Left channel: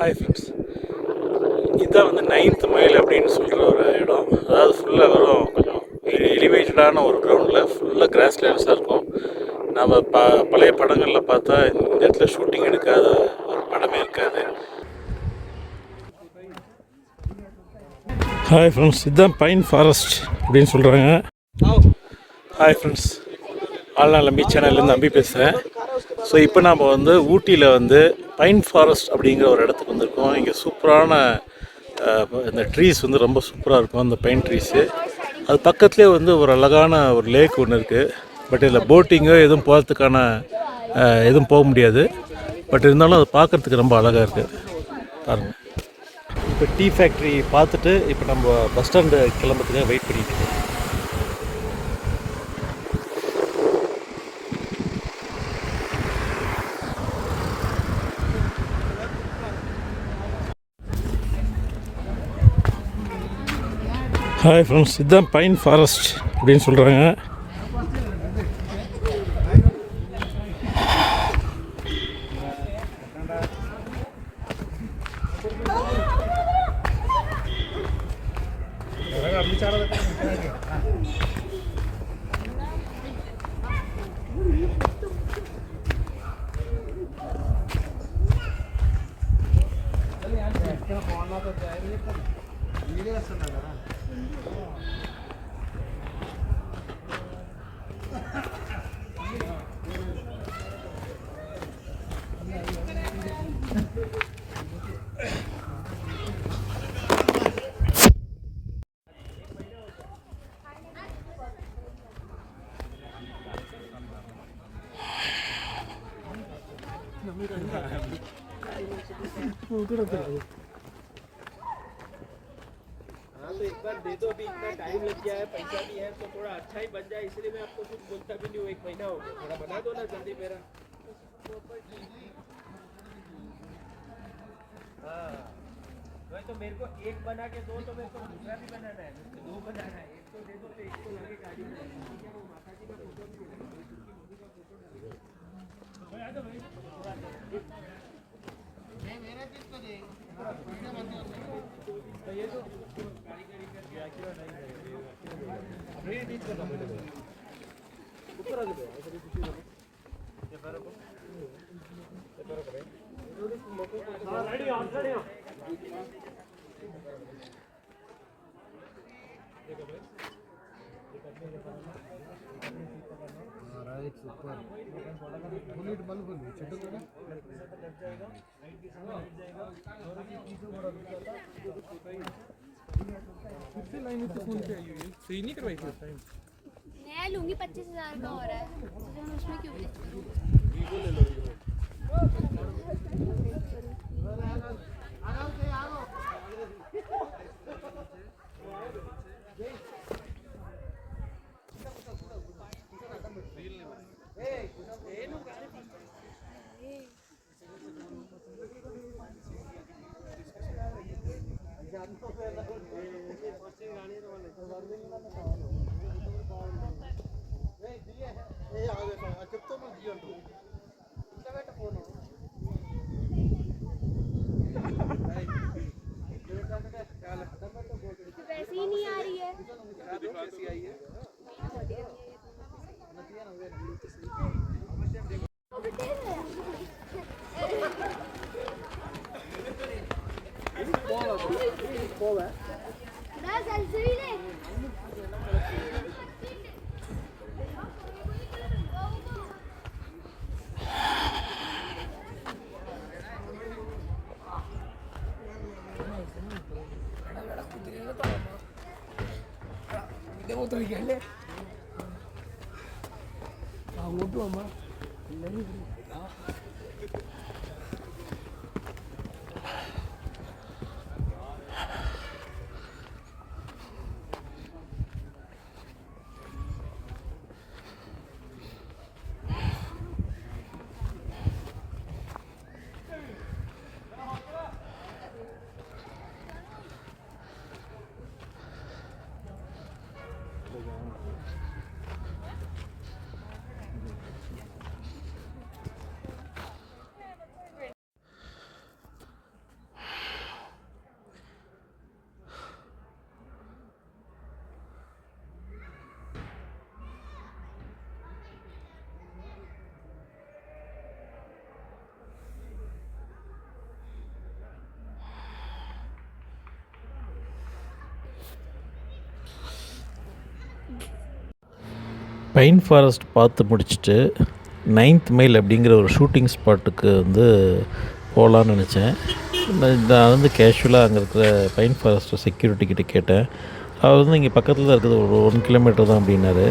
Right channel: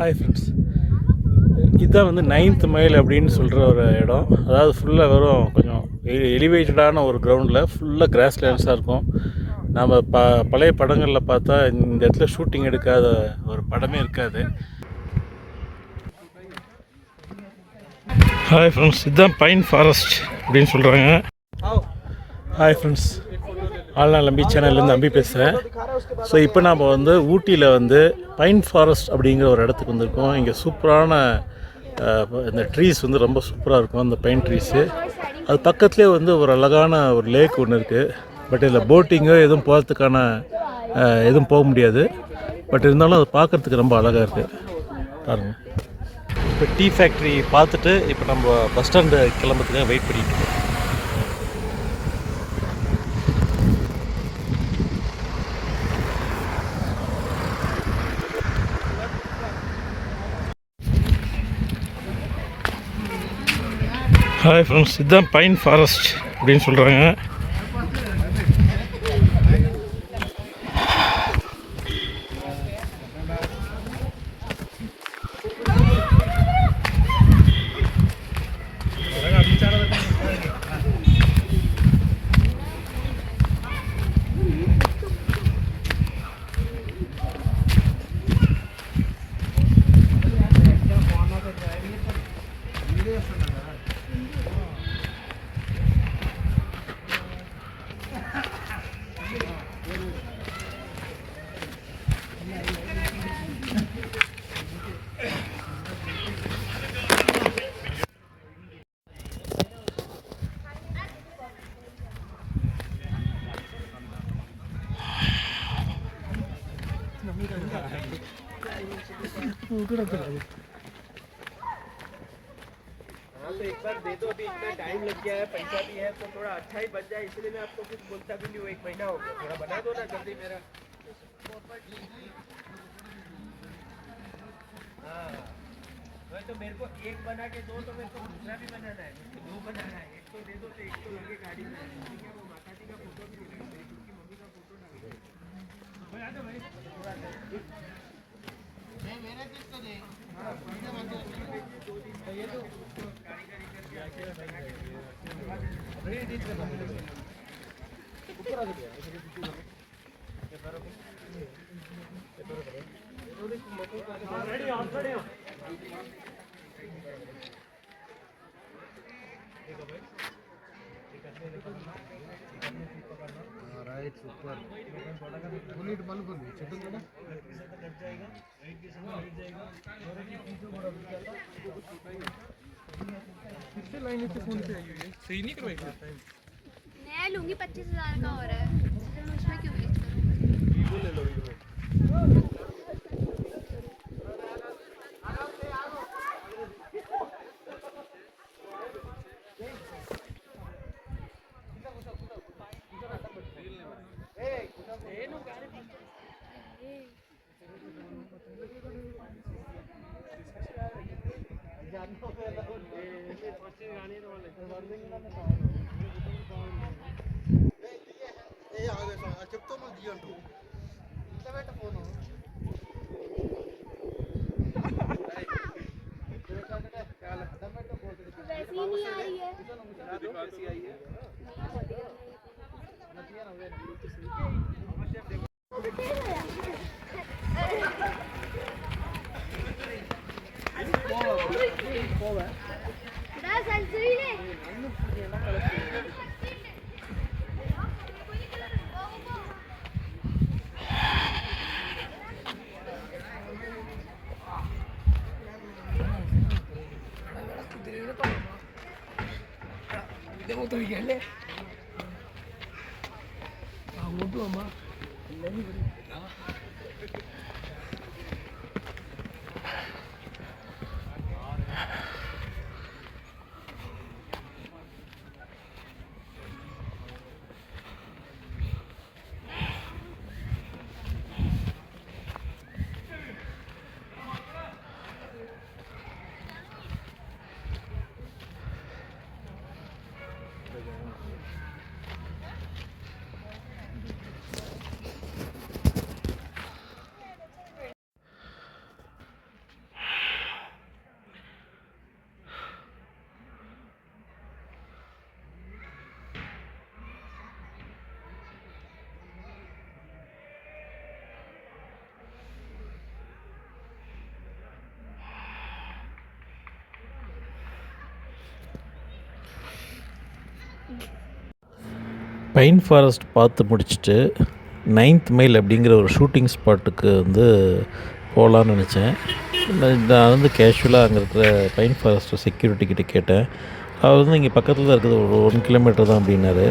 Hi friends, இதுதான் வந்து 9th mile அப்படின்னு சொல்கிற ஒரு இடம். அதாவது ஃபுல்லாக வெறும் கொஞ்சம் எலிவேட்டடான ஒரு கிரவுண்டில் ஃபுல்லாக கிராஸ் லேண்ட்ஸாக இருக்கும். நாம் பழைய படங்களில் பார்த்தா இந்த இடத்துல ஷூட்டிங் எடுக்காத ஒரு படமே இருக்காது. ஹாய் ஃப்ரெண்ட்ஸ், இதுதான் பைன் ஃபாரஸ்ட் அப்படின்னு சொல்கிறாங்க. ஹாய் ஃப்ரெண்ட்ஸ், ஆள்நாள் அம்பி சேனல்லேருந்து அம்பி பேசுகிறேன். ஸோ இப்போ நாம் வந்து ஊட்டியில் வந்து பைன் ஃபாரஸ்ட் அப்படிங்கிற ஒரு இடத்துக்கு வந்திருக்கோம். இங்கே சூப்பரான இந்த ட்ரீஸ் வந்து ரொம்ப சூப்பராக இருக்கும், அந்த பைன் ட்ரீஸு. அது பக்கத்துலேயே வந்து ஒரு அழகான ஒரு லேக் ஒன்று இருக்குது. பட் இதில் போட்டிங்கோ எதுவும் போகிறதுக்கான எதுவும் போக முடியாது. பட் இருந்தாலும் அது பார்க்குறதுக்கு ரொம்ப அழகாக இருக்குது பாருங்கள். இப்போ டீ ஃபேக்ட்ரி பார்த்துட்டு இப்போ நம்ம பஸ் ஸ்டாண்டு கிளம்புறதுக்காக வெயிட் பண்ணிகிட்டு இருக்கோம். ஹாய் ஃப்ரெண்ட்ஸ், இதுதான் பைன் ஃபாரஸ்ட் அப்படின்னு சொல்கிறாங்க. तो एक बार दे दो, अभी इतना टाइम लग गया है, पैसा भी है, तो थोड़ा अच्छा ही बच जाए, इसलिए मैं आपको कुछ बोलता भी नहीं हूँ। 1 महीना हो गया, थोड़ा बना दो ना जल्दी मेरा। हाँ वही तो, मेरे को एक बना के दो तो मेरे को दूसरा भी बनाना है, मुझको 2 बनाना है। एक तो दे दो तो एक तो लगे गाड़ी में। ठीक है, वो माता जी का फोटो भी लगेगा, उनकी मम्मी का फोटो लगेगा। तो ये तो मैं लूंगी 25,000 का हो रहा है, उसमें क्यों वैसे ही नहीं आ रही है। பைன் ஃபாரஸ்ட் பார்த்து முடிச்சுட்டு 9th மைல் அப்படிங்கிற ஒரு ஷூட்டிங் ஸ்பாட்டுக்கு வந்து போகலான்னு நினச்சேன். நான் வந்து கேஷுவலாக அங்கே இருக்கிற பைன் ஃபாரஸ்ட் செக்யூரிட்டி கிட்ட கேட்டேன். அவர் வந்து இங்கே பக்கத்தில் தான் இருக்குது, ஒரு 1 கிலோமீட்டர் தான் அப்படின்னாரு.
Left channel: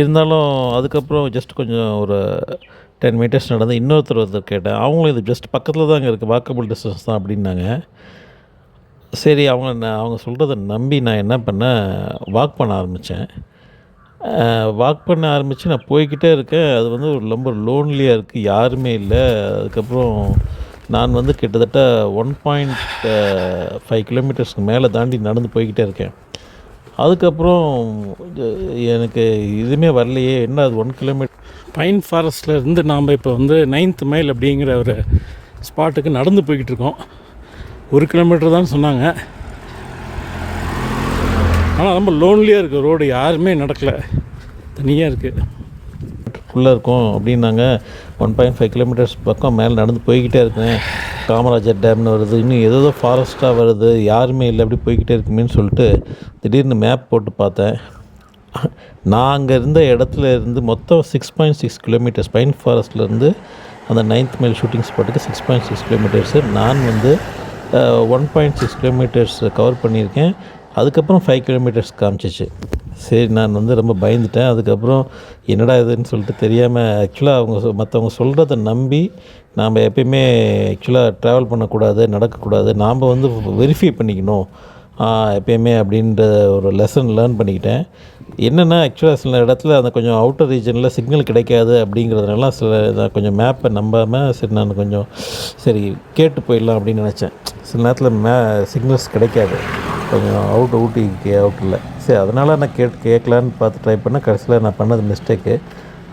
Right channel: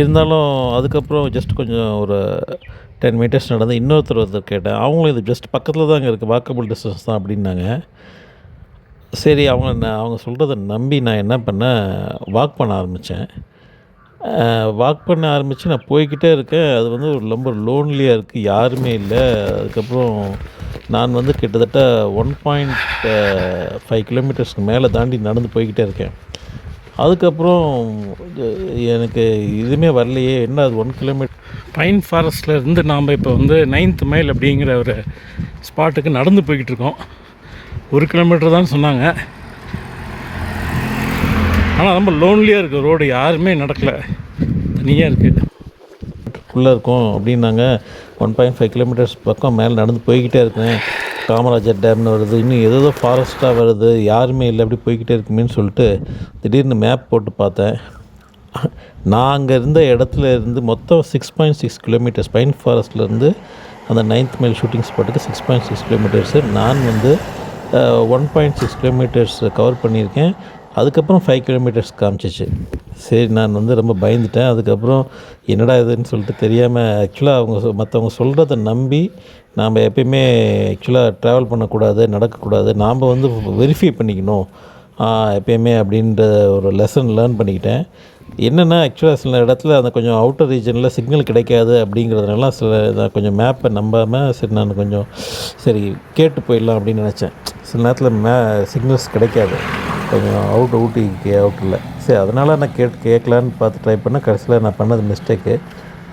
இருந்தாலும் அதுக்கப்புறம் ஜஸ்ட் கொஞ்சம் ஒரு 10 மீட்டர்ஸ் நடந்து ஒருத்தர் கேட்டேன். அவங்களும் இது ஜஸ்ட் பக்கத்தில் தான் அங்கே இருக்குது, வாக்கபிள் டிஸ்டன்ஸ் தான் அப்படின்னாங்க. சரி, அவங்க சொல்கிறத நம்பி நான் என்ன பண்ணேன், வாக் பண்ண ஆரம்பித்தேன். நான் போய்கிட்டே இருக்கேன். அது வந்து ரொம்ப லோன்லியாக இருக்குது, யாருமே இல்லை. அதுக்கப்புறம் நான் வந்து கிட்டத்தட்ட 1.5 கிலோமீட்டர்ஸ்க்கு மேலே தாண்டி நடந்து போய்கிட்டே இருக்கேன். அதுக்கப்புறம் எனக்கு எதுவுமே வரலையே, என்ன அது 1 கிலோமீட்டர். பைன் ஃபாரஸ்ட்டில் இருந்து நாம் இப்போ வந்து 9th மைல் அப்படிங்கிற ஒரு ஸ்பாட்டுக்கு நடந்து போய்கிட்டு இருக்கோம். 1 கிலோமீட்டர் தான் சொன்னாங்க. ஆனால் ரொம்ப லோன்லியாக இருக்குது ரோடு, யாருமே நடக்கலை, தனியாக இருக்குது. உள்ளே இருக்கும் அப்படின்னாங்க. 1.5 கிலோமீட்டர்ஸ் பக்கம் மேலே நடந்து போய்கிட்டே இருக்கேன். காமராஜர் டேம்னு வருது, இன்னும் ஏதோ ஃபாரஸ்ட்டாக வருது, யாருமே இல்லை, அப்படி போய்கிட்டே இருக்குமேன்னு சொல்லிட்டு திடீர்னு மேப் போட்டு பார்த்தேன். நான் அங்கே இருந்த இடத்துல இருந்து மொத்தம் 6.6 கிலோமீட்டர்ஸ், பைன் ஃபாரஸ்ட்லேருந்து அந்த 9th மைல் ஷூட்டிங் ஸ்பாட்டுக்கு 6.6 கிலோமீட்டர்ஸு. நான் வந்து 1.6 கிலோமீட்டர்ஸ் கவர் பண்ணியிருக்கேன். அதுக்கப்புறம் 5 கிலோமீட்டர்ஸ் காமிச்சிச்சு. சரி, நான் வந்து ரொம்ப பயந்துட்டேன். அதுக்கப்புறம் என்னடா இதுன்னு சொல்லிட்டு தெரியாமல், ஆக்சுவலாக மற்றவங்க சொல்கிறத நம்பி நாம் எப்பயுமே ட்ராவல் பண்ணக்கூடாது, நடக்கக்கூடாது. நாம் வந்து வெரிஃபை பண்ணிக்கணும் எப்பயுமே அப்படின்ற ஒரு லெசன் லேர்ன் பண்ணிக்கிட்டேன். என்னென்னா சில இடத்துல அந்த கொஞ்சம் அவுட்டர் ரீஜனில் சிக்னல் கிடைக்காது அப்படிங்கிறதுனால நான் கொஞ்சம் மேப்பை நம்பாமல் நான் கொஞ்சம் கேட்டு போயிடலாம் அப்படின்னு நினச்சேன். சில நேரத்தில் சிக்னல்ஸ் கிடைக்காது, கொஞ்சம் அவுட்டில். சரி, அதனால் நான் கேட்கலான்னு பார்த்து ட்ரை பண்ணேன். கடைசியில் நான் பண்ணது மிஸ்டேக்கு.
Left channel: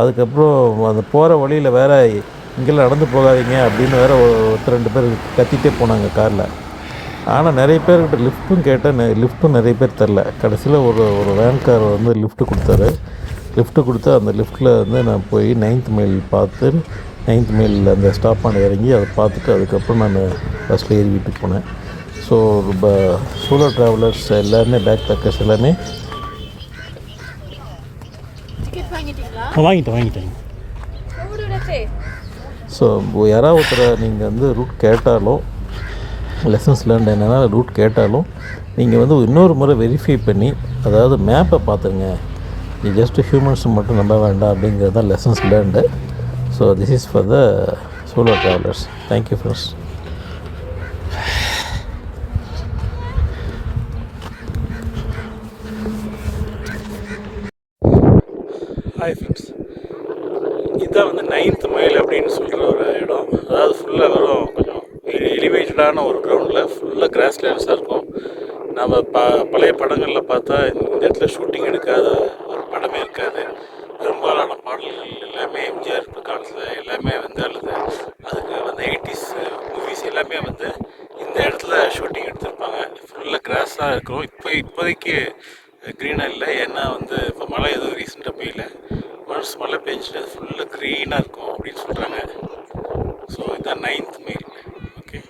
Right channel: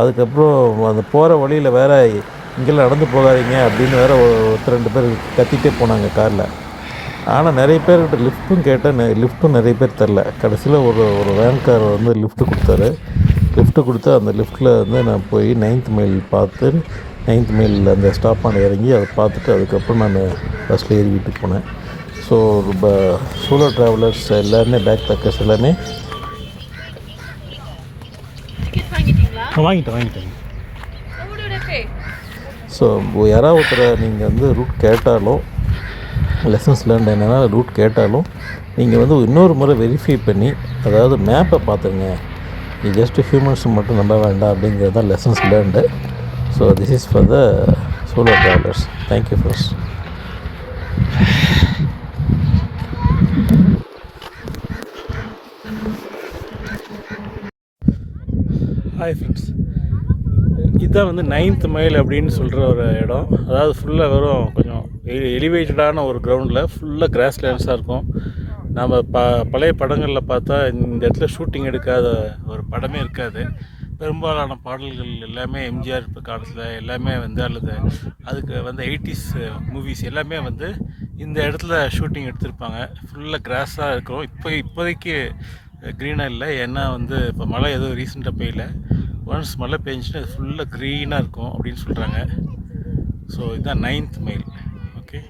அதுக்கப்புறம் அந்த போகிற வழியில் வேறு இங்கெல்லாம் நடந்து போகாதீங்க அப்படின்னு வேறு 2 பேர் கத்திகிட்டே போனாங்க காரில். ஆனால் நிறைய பேர்கிட்ட லிஃப்ட்டும் கேட்டேன், லிஃப்ட்டும் நிறைய பேர் தரல. கடைசியில் ஒரு வேன்கார் வந்து லிஃப்ட்டு கொடுத்து அந்த லிஃப்ட்டில் வந்து நான் போய் 9th மைல் பார்த்து 9th மைலில் அந்த ஸ்டாப்பான இறங்கி அதை பார்த்துட்டு அதுக்கப்புறம் நான் பஸ்ஸில் ஏறி வீட்டுக்கு போனேன். ஸோ சோலோ ட்ராவலர்ஸ் எல்லாருமே, பேக் பேக்கர்ஸ் எல்லாமே வாங்கிட்டேன். ஸோ யாராவது ஒருத்தரை நீங்கள் வந்து ரூட் கேட்டாலும், லெசன்ஸ் லேர்ன் என்னென்னா ரூட் கேட்டாலும் நீங்கள் வந்து இன்னொரு முறை வெரிஃபை பண்ணி, அதாவது மேப்பை பார்த்துங்க. ஜஸ்ட் ஹியூமன்ஸ் மட்டும் நம்ப வேண்டாம் அப்படிங்கிறது தான் lessons learned. So this is for the solo travellers. Thank you friends. Hi friends, இதுதான் வந்து 9th மைல் அப்படின்னு சொல்கிற ஒரு இடம். அதாவது ஃபுல்லாக வெறும் கொஞ்சம் எலிவேட்டடான ஒரு கிரவுண்டில் ஃபுல்லாக கிராஸ் லேண்ட்ஸாக இருக்கும். நம்ம பழைய படங்களில் பார்த்தா இந்த இடத்துல ஷூட்டிங் எடுக்காத ஒரு படமே இருக்காது. பெரும்பாலான பாடல்கள் எல்லாமே எம்ஜிஆர் காலத்தில் எல்லாமே வந்து, அல்லது அதுக்கு வந்து 80s மூவிஸ் எல்லாமே வந்து இந்த இடத்துல ஷூட்டிங் எடுத்திருப்பாங்க. ஃபுல்லாக கிராஸாக இருக்கும். இப்போதைக்கு க்ரீனாக இல்லை, ஏன்னா வந்து இப்போ மழை எதுவும் ரீசெண்டாக பெய்யல. ஒன்ஸ் மழை பெஞ்சிட்டு அது ஃபுல்லாக க்ரீனாக இருக்கும் அப்படின்னு சொல்கிறாங்க. ஸோ இதுதான் 9th மைல். ஓகே,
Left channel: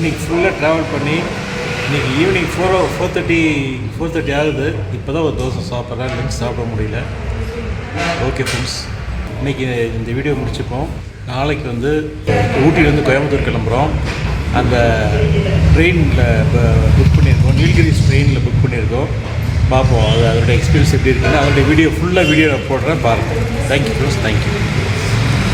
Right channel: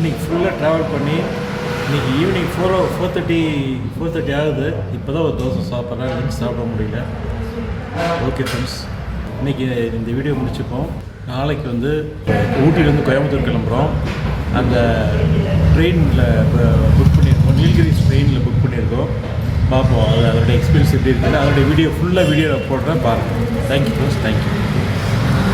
இன்றைக்கி ஃபுல்லாக ட்ராவல் பண்ணி இன்றைக்கி ஈவினிங் 4:30 ஆகுது. இப்போ தான் ஒரு தோசை சாப்பிட்றேன், லஞ்ச் சாப்பிட முடியல. ஓகே ஃப்ரெண்ட்ஸ், இன்றைக்கி இந்த வீடியோ முடிச்சுப்போம். நாளைக்கு வந்து ஊட்டியிலேருந்து கோயம்புத்தூர் கிளம்புறோம். அந்த ட்ரெயினில் புக் பண்ணியிருக்கோம், நீல்கிரிஸ் ட்ரெயினில் புக் பண்ணியிருக்கோம். பார்ப்போம் அதோடய எக்ஸ்பீரியன்ஸ் எப்படி இருக்குன்னு. அதோடய வீடியோ நான் போடுறேன், பாருங்கள். Thank you friends, thank you.